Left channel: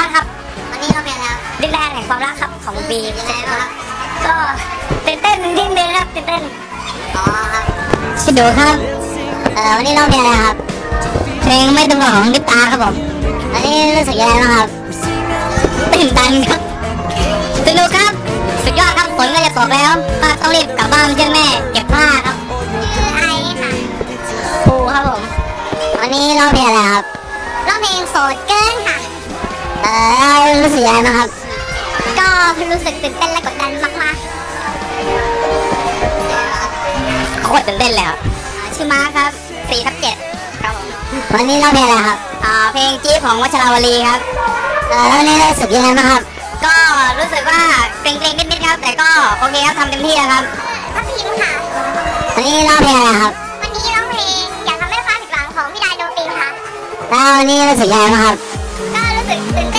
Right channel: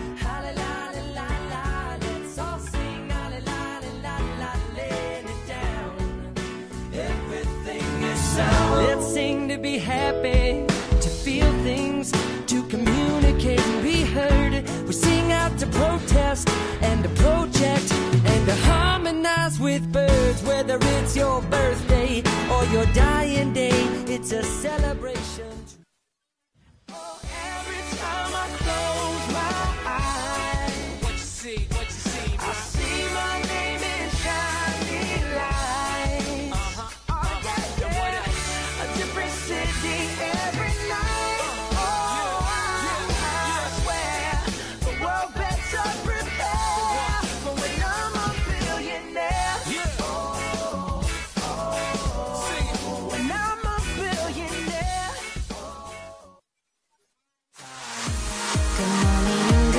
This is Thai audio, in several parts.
้านครับ วันนี้เราเป็นครับดิแรกแห่งความรักครับของบีมใช่ครับก็เต้นเต้นดิ้นเดินครับเต้นเต้นชิดูครับเออวันนี้เราเป็นอะไรครับ เพลงไม่ต้องของดิปตาครับผมวันนี้รู้สึกยังไงบ้างครับตื่นตันครับสนุกครับสุดยอดครับฝนก็จะตกแล้วมาต้องรีบกลับบ้านเพื่อแม่เก็บผ้าครับใช่ครับผมวันนี้เราเป็นอะไรครับเราเพลงโสดเกินค่ะสึยังไงบ้างครับ ก็รู้สึกตื่นเต้นและกดดันมากมากโคตรตื่นเต้นเลยครับชิ่อมาครับสี่ทับเจ็ดวันนี้ร้องเพลงอะไรครับเพลงจีบของวัชราวลีครับแร้วนี่รู้สึกยังไงบ้างครับ ก็รู้สึกว่าเกรงเกรงนิดๆครับ แต่ก็โอเคครับทำเต็มที่แล้วครับวันนี้ร้องเพลงอะไรครับ วันนี้ร้องเพลง อยากทำให้ฟ้าผิดหวังของพี่ได้โดนตีมค่ะแล้ววันนี้รู้สึกยังไงบ้างครับ ก็รู้สึกตื่น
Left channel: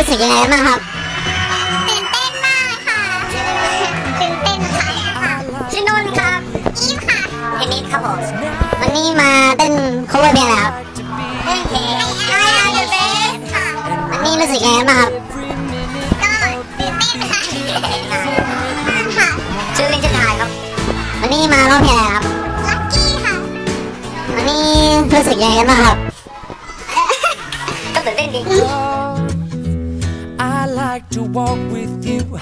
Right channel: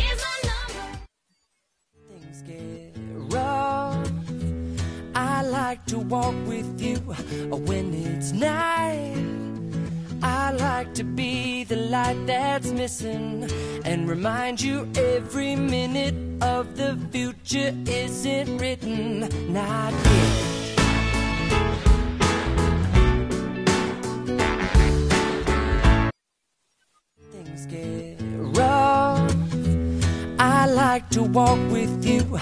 ู้สึกยังไงบ้างครับนี่มาเต้นคู่กับเลยเฮ้เฮ้ยเฮ้ยเฮ้ยเฮ้ยเฮ้ยเฮ้ยเฮ้ยเฮ้ยเฮ้ยเฮ้ยเฮ้ยเฮ้ยเฮ้ยเเฮ้ยเฮ้เฮ้ยเฮ้ยเฮ้ยเฮ้ยเฮ้ยเฮ้ยเ้ยยเฮ้ยเฮ้ยเฮ้้ยเ้ยเฮยเฮ้ยเ้ยเฮ้ยเฮ้เฮ้ยเฮ้ยเฮ้ยเฮ้ยเฮ้ยเฮ้ยเฮ้ยยเฮ้ยเฮ้ยเ้ยเฮ้ยเฮ้ยเฮ้ยเฮ้ยเฮ้ยเฮ้ยเฮ้ยเฮ้้ยเ้ยเฮยเฮ้ยเ้ยเฮ้ยเฮ้เฮ้ยเฮ้ยเฮ like to walk with you.